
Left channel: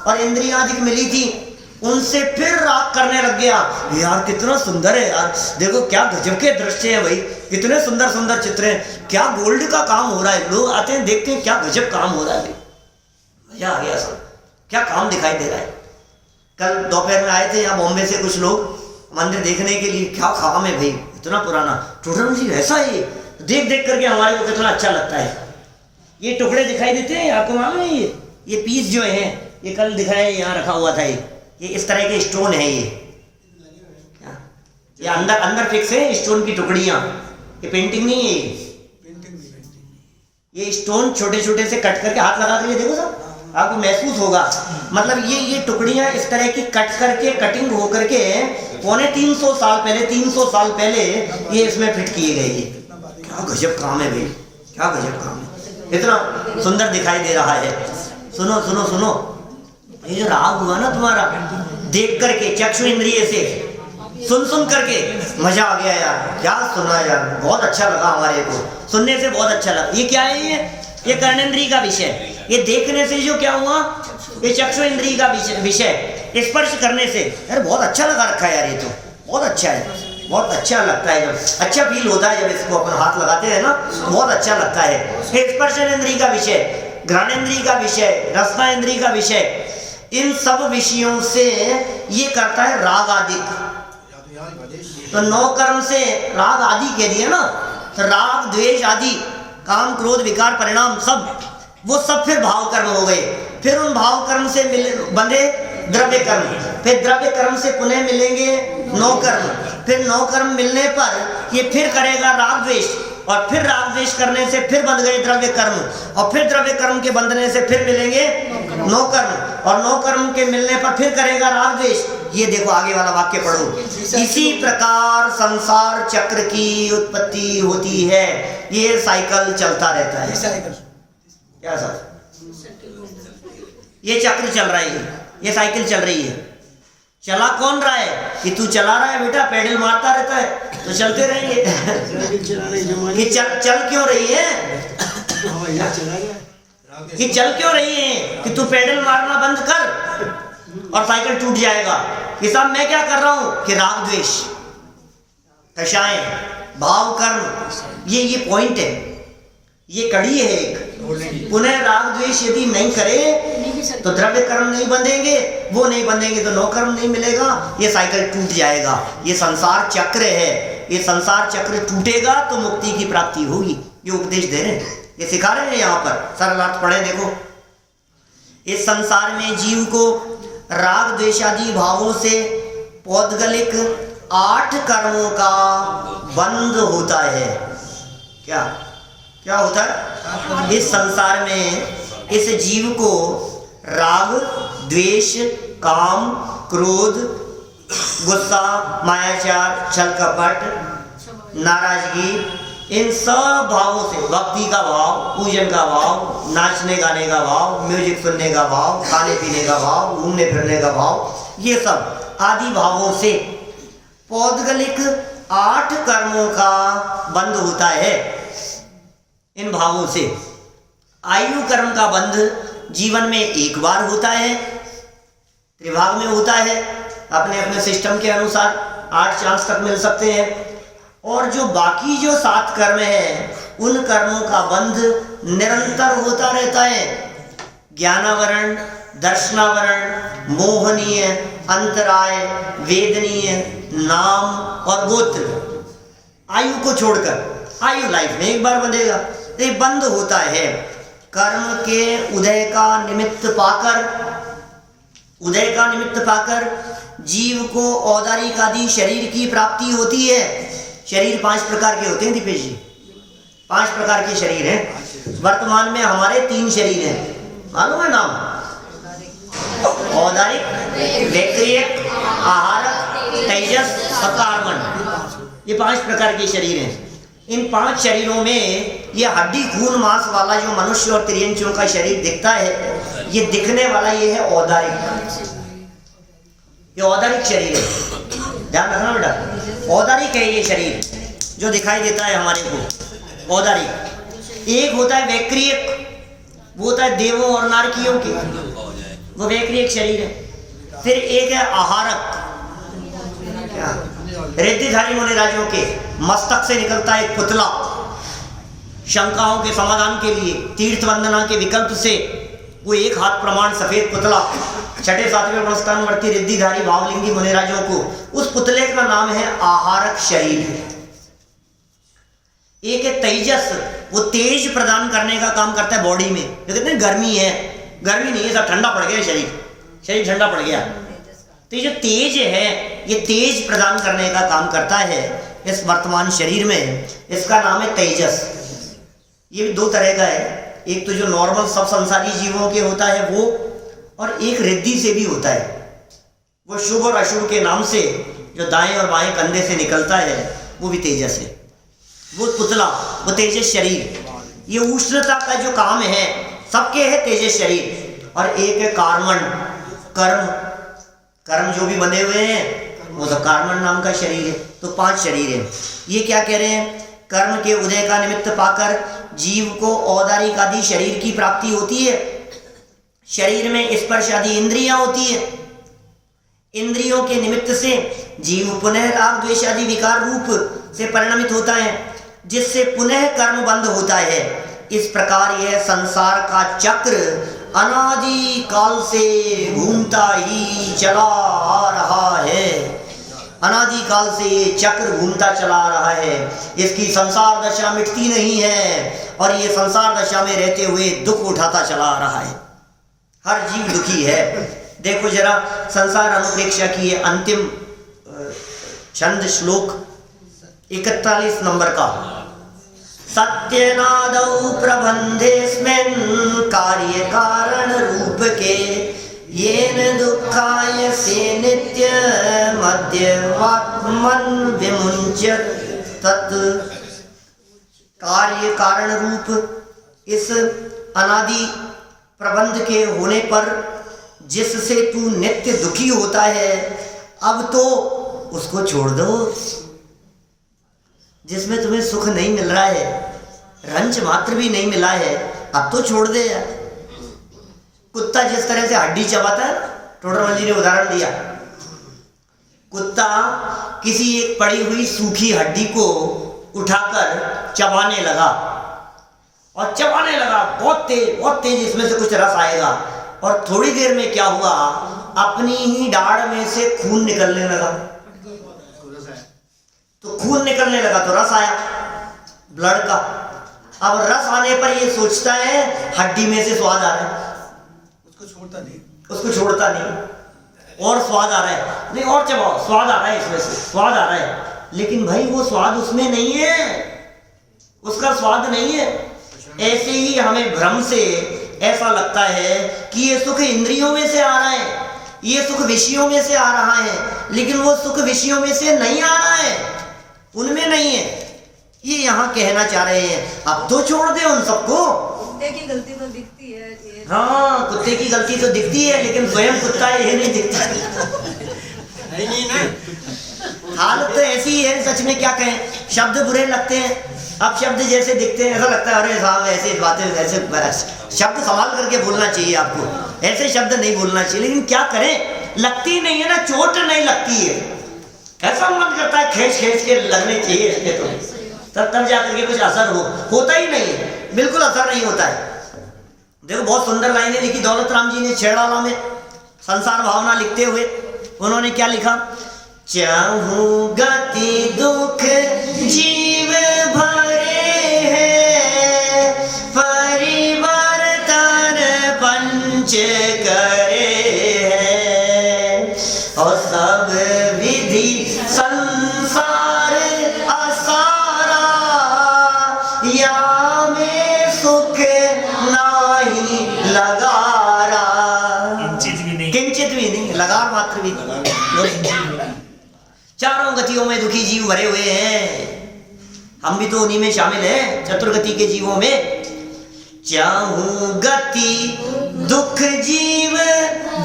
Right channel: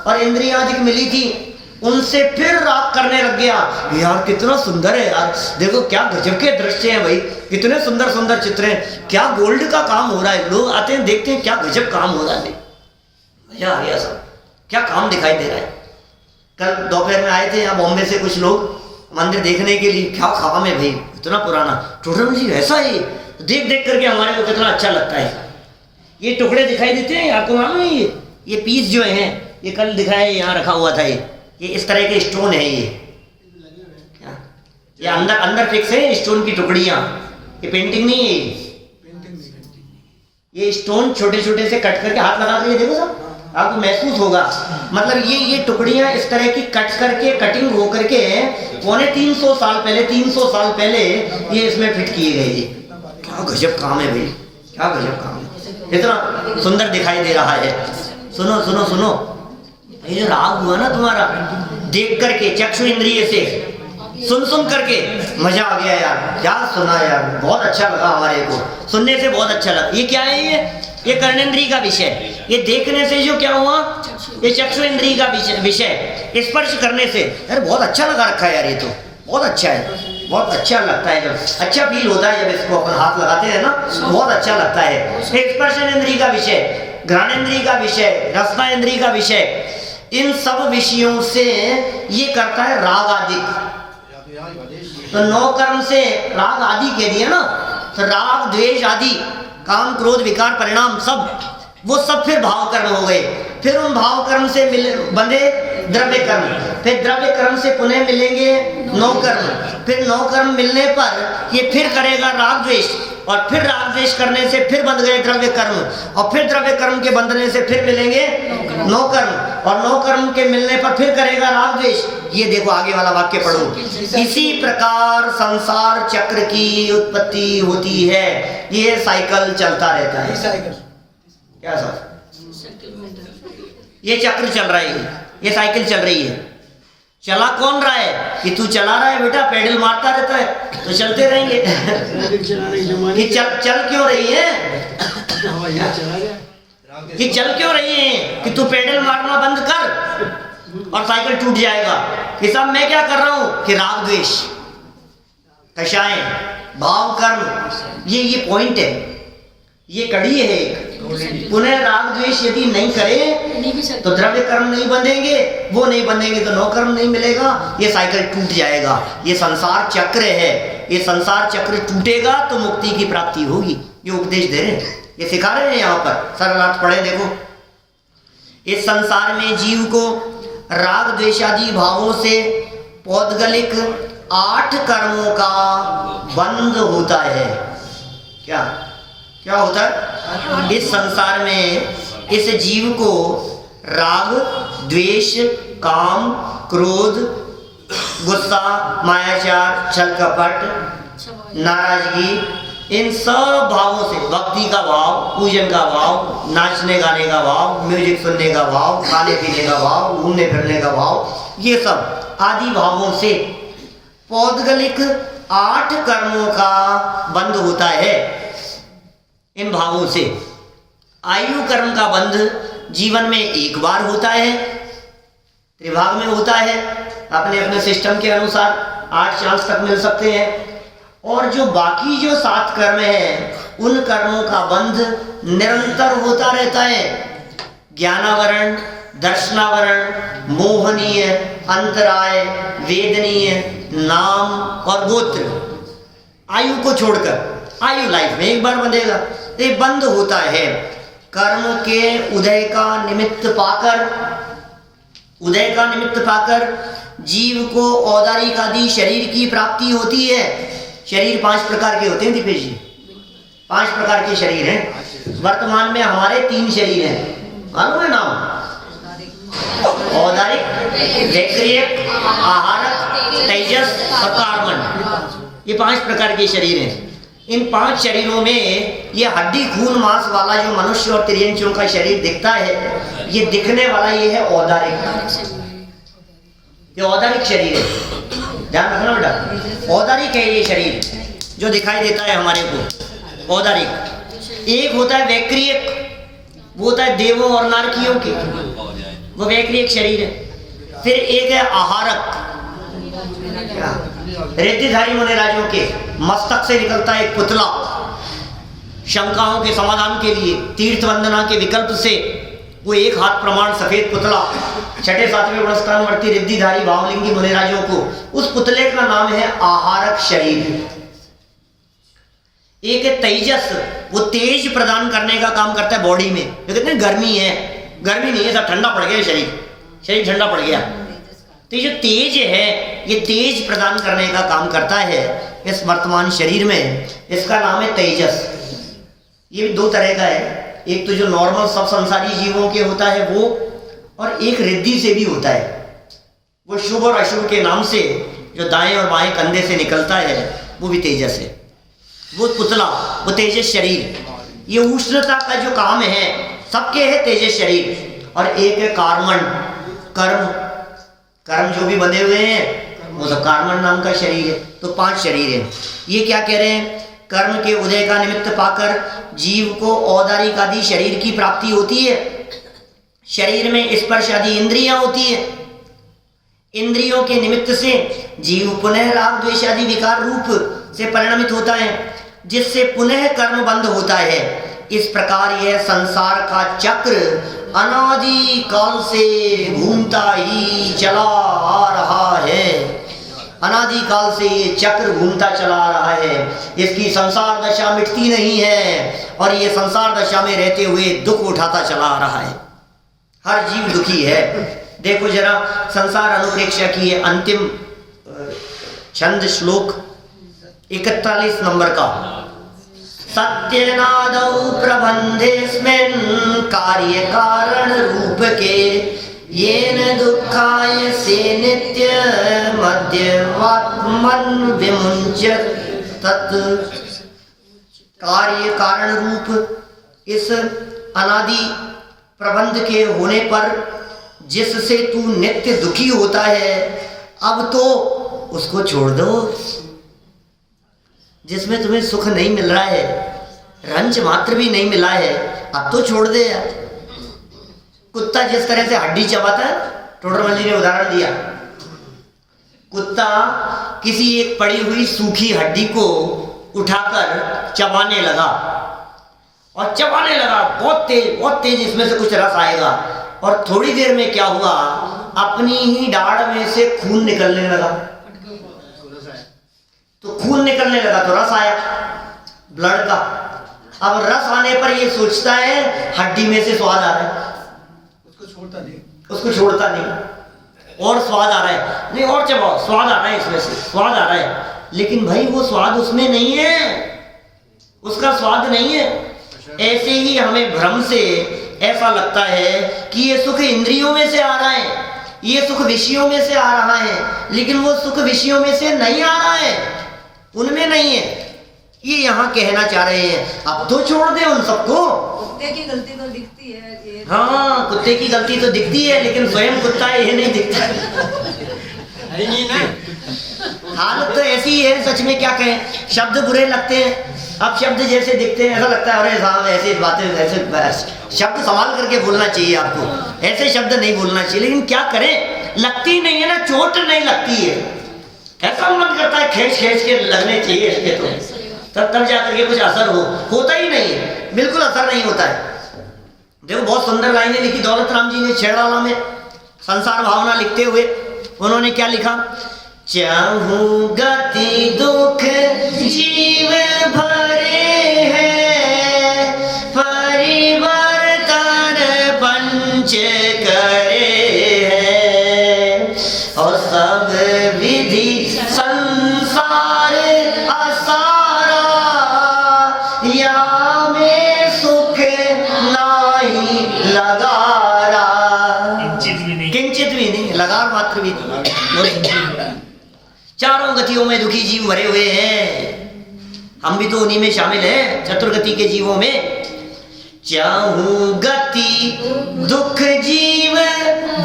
और इंद्रियादिक मिली थी, उनसे फिर राग करने लग गया। यार कितना सुंदर है यार, देखो क्या गजब के दृश्य हैं भाई, कितने सुंदर सुंदर चित्र हैं, क्या गोल्ड का काम हो रहा है। लोग आते हैं देखते हैं क्या गजब काम हो रहा है भाई, मजा आ गया सब, क्या काम दिखाई दे रहा है। कल दोपहर में आए थे यहाँ बॉम्बे से कुछ लोग मंदिर देखने के लिए। क्या काम है भाई, इतना पुराना टोटल जी ऐसा ही देख देख करके हमारे को कितना अच्छा लगता है। ये टुकड़े दिखाई देते हैं आपको मालूम है? ये पीस जो हैं ये कल दिखाए, यहाँ रखा हुआ था। ये इस तरह के स्टोन है। ये अंदर अंदर फिक्स है स्टोन की टुकड़ियाँ। ये पेंटिंग नहीं है, ये स्टोन छोटे छोटे से कट करके हाथ लगा करके देखो साहब, आपको महसूस होगा। मतलब ये टुकड़ियां इस तरह की कट करके कटिंग हो करके 350 साल पहले 300 साल पहले ये इसमें फिट किए गए। ये क्या गजब काम है भाई, क्या गजब काम है, इतना सुंदर दिखाई दे रहा है। सुनो सुनो सुनो, ये जो राग हुआ ना तुम्हारा, देख करके चक्षु इंद्रिय से सुन सुन करके मजा आ गया यार, क्या सुना यार, बहुत अच्छा लगा हमारे को, सुनने से बहुत अच्छा लगा। ये क्या है, ये कर्णेंद्रिय का विषय। ये देखने से जो क्या हुआ, ये चक्षु इंद्रिय का विषय, स्पर्श करने से यार बहुत अच्छा लगा रखा है यार, ये तो बहुत अच्छा है, बहुत अच्छा लगता है, जब अच्छा फील होता है जब इसको अपन हाथ लगाते हैं ना, बहुत अच्छा लगता है। स्पर्शेंद्रिय का विषय, घ्राणेंद्रिय का विषय, रसनेंद्रिय का विषय, इन सब विषयों से ये करता है राग आदि। तो 9 कर्म से राग आदि कह दिया ना, तो राग द्वेष आदि, काम क्रोध विकार परिणाम सब, वो सब फिर भाव कर्म हो गए। फिर उन भाव कर्म से बंधे द्रव्य कर्म, फिर द्रव्य कर्म से पुनः मिलेंगे 9 कर्म, फिर 9 कर्म मिलने पर ये फिर करेगा राग द्वेष, और फिर राग द्वेष करने से फिर बंध गए द्रव्य कर्म, और फिर द्रव्य कर्म के बंधने से फिर मिलेंगे 9 कर्म, और 9 कर्म के मिलने पर फिर करेगा राग द्वेष। ये देखो आगे वाला वाक्य पढ़ो, इसी प्रकार संसार चक्र की उत्पत्ति होती है। ये साइकिल चलता रहता है। क्या सर, ये चक्र चल रहा है, ये साइकिल चल रही है। चला कौन रहा है, कि तू चला रहा है बेटा, पेडल मारता रहता है तो चलते रहेंगे। कि चल क्यों रही है, कि चल क्यों रही है, कि तू पेडल मारना बंद कर और साइकिल टूट जाएगा। कि साहब मैं क्या कर रहा हूं, कि राग द्वेष, कषाय, भाव कर्म, ये पॉइंट है, ये कड़ी है एक। पुनः राग द्वेष यदि नहीं करे तो द्रव्य कर्म नहीं बंधेंगे, वो नहीं बंधेंगे तो 9 कर्म नहीं मिलेगा, ये साइकिल टूट जाएगा। ये संसार चक्र है, ये संसार चक्र टूटेगा तो मुक्ति की प्राप्ति होगी। ये उपदेश दे रहे हैं, ये सिखा रहे हैं यहाँ पर। सरल अर्थ पढ़े देखो, इस संसार में जीव को राग द्वेषादि भावों से पौद्गलिक 8 कर्मों का बंध होता है। क्या क्या होता है, इस संसार में इस जीव को राग द्वेष काम क्रोध गुस्सा मायाचार छल कपट नाराजगी, इन सब भावों से, भक्ति का भाव, पूजन का भाव, नाचने गाने का भाव, म्यूजिक सुनने का भाव, खाने पीने का भाव, घूमने फिरने का भाव, ये सब आदि भावों से पौद्गलिक 8 कर्मों का बंध होता है। इन भावों से आयु कर्म का बंध जीवन में एक बार होता है, त्रिभाग में होता है, अपने अपने सिस्टम के अनुसार 8 चांस तक मिल सकते हैं। और जो बाकी जो 7 कर्म है, उन कर्मों का बंध निरंतर होता रहता है। ज्ञानावरण, दर्शनावरण, मोहनीय, अंतराय, वेदनीय, नाम और गोत्र, आयु को छोड़कर, आयु लाइफ में एक बार बंधेगा, ये बंद होता है। कर्म के उदय का निमित्त पाकर जीव को औदारिक आदि शरीर की प्राप्ति होती है। शरीर 5 प्रकार के होते हैं दीपेश जी, 5 प्रकार के शरीर हैं। वर्तमान में हमारे 3 शरीर हैं, मालूम है नाम, औदारिक, वैक्रियक, आहारक, तेजस और कार्बन। ये 5 प्रकार के शरीर हैं। इन 5 शरीरों में ये हड्डी खून मांस वाला जो मनुष्य और त्रियंचियों का शरीर दिखता है, ये दिखने वाला ये है औदारिक, ये औदारिक शरीर है, ध्यान रखना बेटा, औदारिक है ये शरीर जो दिखाई देता है हमारे को, औदारिक। एक होता है वैक्रियक, वो होता है देवों और नारकियों के, वो वैक्रियक शरीर है। फिर एक है आहारक, रिद्धिधारी मुनिराजों के मस्तक से निकलता है एक पुतला, शंकाओं के समाधान के लिए, तीर्थ वंदना के विकल्प से वो एक हाथ प्रमाण सफेद पुतला, 6ठे 7वें गुणस्थानवर्ती रिद्धिधारी भावलिंगी मुनिराजों को, उस पुतले का नाम है आहारक शरीर। एक है तेजस, वो तेज प्रदान करने का काम करता है बॉडी में। कहते हैं गर्मी है, गर्मी नहीं है, सब ठंडा पड़ गया, शरीर ठंडा पड़ गया। तो ये जो तेज है, ये तेज प्रदान करने का काम करता है इस वर्तमान शरीर में, इसका नाम है तेजस। ये भी 2 तरह का है, एक तो जो नॉर्मल सब संसारी जीवों के होता है वो, और एक रिद्धि से भी होता है। वो शुभ और अशुभ के नाम से जो दाएं और बाएं कंधे से निकलता है वो भी तेजस है। वो पुतला, वो तेजस शरीर, ये उष्णता का जो काम है सबके है तेजस शरीर। और एक है कार्मण, कर्म, कर्म जो भी बंधे हुए हैं वो सब कार्मण नाम का शरीर है। तो 5 शरीर है। ये क्या कह रहे हैं, कर्म के उदय का निमित्त पाकर जीव को औदारिक आदि शरीर की प्राप्ति होती है। शरीर में स्पर्श आदि इंद्रियां होती है। इंद्रियों के निमित्त से जीव पुनः राग द्वेष आदि विकार रूप से परिणमित होता है, जिससे पुनः कर्म बंध होता है। इस प्रकार यह संसार का चक्र अनादि काल से घूमता ही चला आ रहा है। अनादि काल से ये चक्र घूमता चला आ रहा है। इसकी संसार दशा मिटती नहीं है और ये संसार दशा में रहते हुए दुख उठाता चला आ रहा है। हर जीव दुखी है। देखो जरा संसार अनुप्रेक्षा की ये अंतिम छंद श्लोक 41 नंबर का। सत्यनादौ प्रबंधेस्मिन् कार्य कारण रूप के येन दुःखाय से नित्य मध्यवात्मन विमुञ्चत तत्। कार्य कारण रूप इस अनादि प्रबंध के होने पर जिससे तू नित्य दुखी होता है, अब तो उसको छोड़ दो। जिसमें तुम्हें सुख नहीं मिल रहा है, रंज मात्र भी नहीं मिला है, अब तो छोड़ दे यार। कुत्ता जिस तरह से हड्डी चबाता है, टोडरमल जी ने उदाहरण दिया, कुत्ता किसी एक पड़ी हुई सूखी हड्डी को उठाकर चबाने लगा और चबाने लगा बहुत तेज इसमें से कुछ रस आएगा। और थोड़ी देर में क्या हुआ, अपनी ही दाढ़ में से खून निकलने लगा। तो खून निकलने लगा तो रस आया ब्लड का। अब रस आने पर ये सोचता है हड्डी में से स्वाद आ रहा है, उसको छोड़ता नहीं और स्वाद आ रहा है, नहीं और चबाओ, स्वाद आ रहा है, इसमें से स्वाद आ रहा है। लेकिन भाई वो स्वाद उसमें नहीं है, उसका स्वाद नहीं है। ऐसे ही हमें भ्रम से ऐसा लगता है कि ये सुख इंद्रियों में से आ रहा है, ये सुख विषयों में से आ रहा है, लेकिन वो सुख विषयों में से नहीं आ रहा है, उनमें नहीं है। ये यहाँ कहना चाह रहे हैं अब तो छोड़ दे उन सबको। कुत्ते की गलती तो दिखती है। हाँ, कुत्ते की गलती तो दिखती है, लेकिन स्वयं कुत्ता ये नहीं दिखता। हालत तो ऐसी ही है, सच में क्या कहें। शब्द बुरे लगते हैं, अब शब्द जैसे दिखते हैं ऐसा लगता है अरे साहब ऐसे बातें, ऐसे शब्द संभाल करके बोलना चाहिए आपको, ऐसे शब्द नहीं बोलना चाहिए। लेकिन क्या करें, लगती नहीं है ना, चोट नहीं लगती है। ऐसा मन करता है खींच खींच के लगने चाहिए इसके, तो तब जाकर के कुछ असर होता ही नहीं है, बिल्कुल असर नहीं होता है। देखो बहुत सुंदर लाइनें लिखी दौलत राम जी ने छेड़ाला में, संसार भावना लिखते हुए उन्होंने क्या लिखा, चाहूं गति दुख जीव भरे हैं, परिवर्तन पंच करे हैं, और सब विधि संसार असारा, या में सुख नहीं लगारा। किंचित भी नहीं, लगार मात्र भी नहीं। चारों गतियों में दुखी जीव भरे हुए हैं, हम भी तो उन्हीं में शामिल हैं, चतुर्गति के जीवों में। चाहूं गति दुख जीव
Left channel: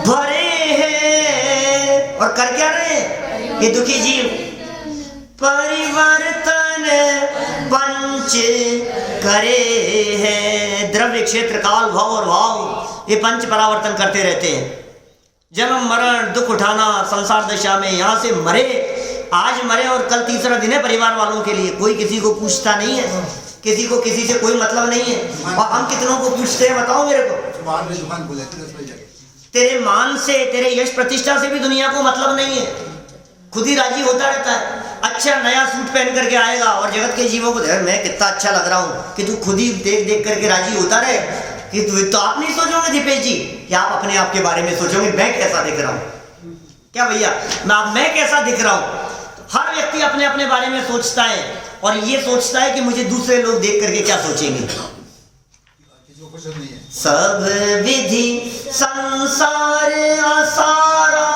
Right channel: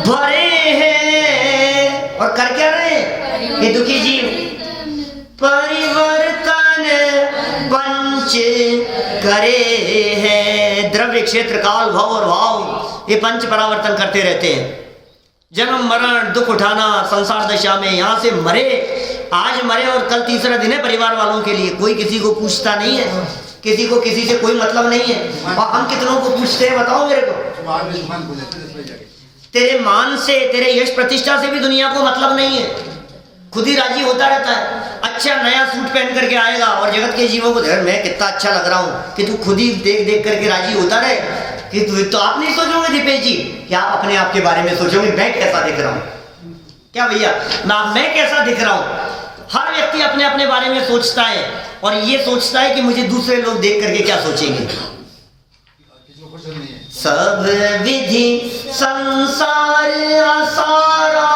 भरे हैं, और कर क्या रहे हैं ये दुखी जीव, परिवर्तन पंच करे हैं। द्रव्य क्षेत्र काल भव और भाव, ये पंच परावर्तन करते रहते हैं। जन्म मरण दुख उठाना संसार दशा में, यहाँ से मरे, आज मरे और कल तीसरा दिन है परिवार वालों के लिए, कोई किसी को पूछता नहीं है, किसी को किसी से कोई मतलब नहीं है। और हम कितनों को पूछते हैं बताओ मेरे को। तेरे मान से, तेरे यश प्रतिष्ठा से भी दुनिया को मतलब नहीं है, खुद ही राजी होता रहता है। अच्छा नया सूट पहन करके आएगा और जगत के जीवों को देख मैं कितना अच्छा लग रहा हूँ, कि तू खुद ही देख देख करके राजी होता रहे। कि तो आप नहीं सोचोगे दीपेश जी कि आप अपने आप के बारे में सोचोगे मैं कैसा दिख रहा हूँ, क्या भैया मैं कैसा दिख रहा हूँ। हर व्यक्ति अपने अपने बारे में सोचता है और ये सोचता है कि मुझे दूसरे लोग देख करके क्या सोचेंगे। सब विधि संसार असारा,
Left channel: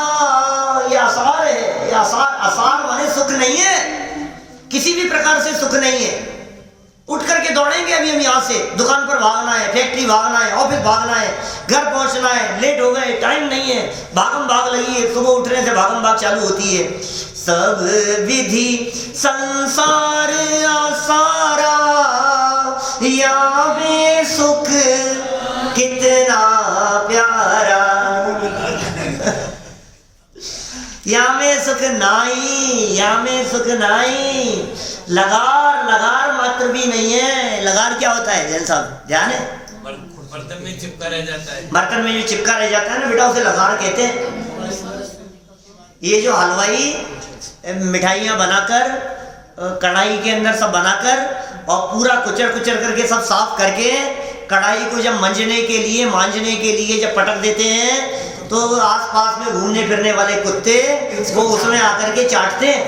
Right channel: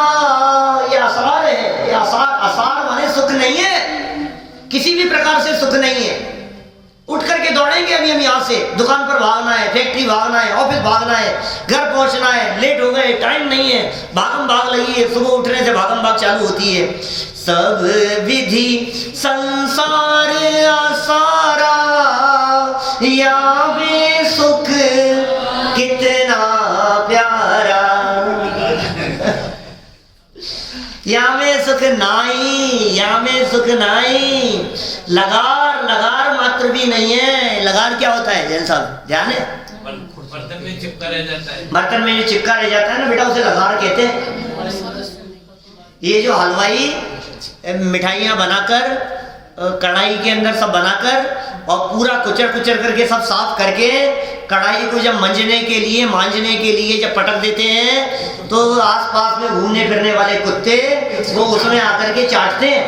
ये आसार है, ये आसार माने सुख नहीं है, किसी भी प्रकार से सुख नहीं है। उठ करके दौड़ेंगे अभी हम यहाँ से, दुकान पर भागना है, फैक्ट्री भागना है, ऑफिस भागना है, घर पहुंचना है, लेट हो गए, टाइम नहीं है, भागम भाग लगी है, सुबह उठने से भागम भाग चालू होती है। सब विधि संसार आसारा, या में सुख कितना प्यारा, या में सुख नाई, या में सुख नाई। लगार, लगार मात्र भी नहीं है। लगार क्या होता है जैन साहब, ध्यान है? बर्तन में चिपका रह जाता है, बर्तन में जो चिपका रह जाता है ना बेटा, उसे लगार कहते हैं। ये जो हलवाई मिठाइयाँ बनाकर कढ़ाई के अंदर सब बनाकर और पूरा कुचर कुचर करके सब साफ करके कढ़ाई को जब मांजने के लिए जब पटक देते हैं तो आसपास में घूमने फिरने वाले कुत्ते वो उसमें आकर के चाटते हैं।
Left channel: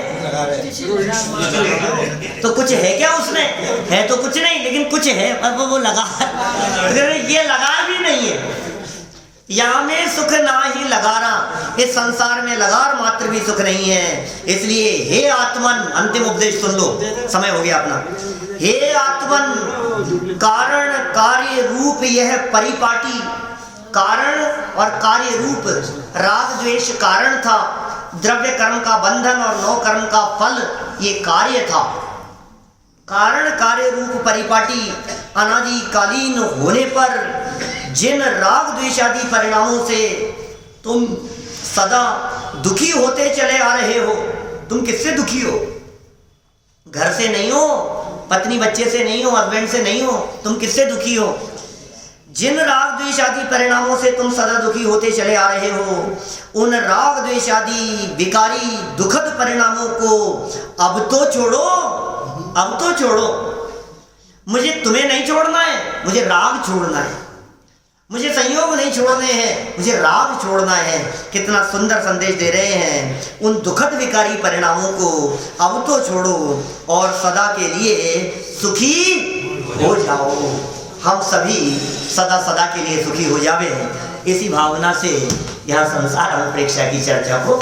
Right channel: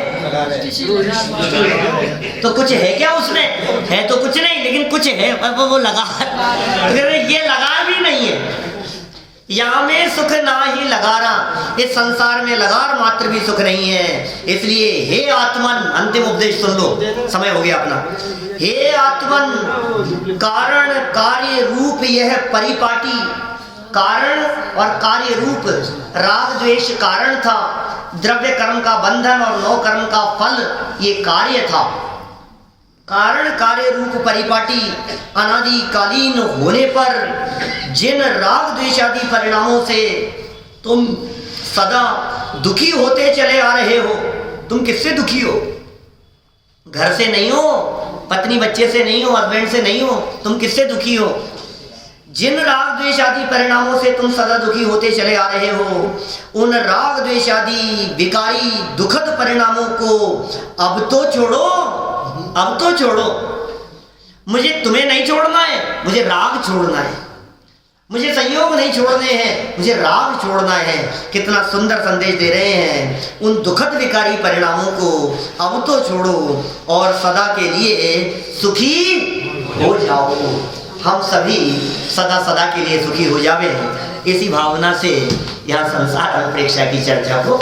तो कुछ है क्या उसमें? है तो कुछ नहीं, लेकिन कुछ है, वो लगार। तो ये लगार भी नहीं है। यहाँ में सुख ना ही लगारा, इस संसार में लगार मात्र भी सुख नहीं है। इसलिए हे आत्मन, अंतिम उपदेश सुन लो, समय हो गया अपना। हे आत्मन, कारण कार्य रूप यह परिपाटी, कारण और कार्य रूप, राग द्वेष कारण था, द्रव्य कर्म का बंधन और नौ कर्म का फल ये कार्य था। कारण कार्य रूप परिपाटी अनादिकालीन होने पर जिन राग द्वेषादि परिणामों से तुम सदा दुखी होते चले आ रहे हो। तुम किससे दुखी हो? घर से नहीं हो, पत्नी बच्चे से नहीं हो, हस्बैंड से नहीं हो, तुम किससे दुखी हो? जिन राग द्वेषादि परिणामों से तुम सदा दुखी होते चले आ रहे हो, उन राग द्वेषादि विकारी दुखद परिणामों को अब तो छोड़ो, अब तो छोड़ो। मुझे तुम्हें नहीं छोड़ना है, मुझे राग छोड़ना है। मुझे संयोग नहीं छोड़ने हैं, मुझे राग छोड़ना है। कितना सुंदर संदेश दे रहे हैं। उन दुखद विकारी परिणामों को अब तो छोड़ो और सदा के लिए सुखी हो जाओ। हम सभी सदा सदा के लिए सुखी हो जावे, इसी भावना से यहाँ संसार अनुप्रेक्षा की चर्चा को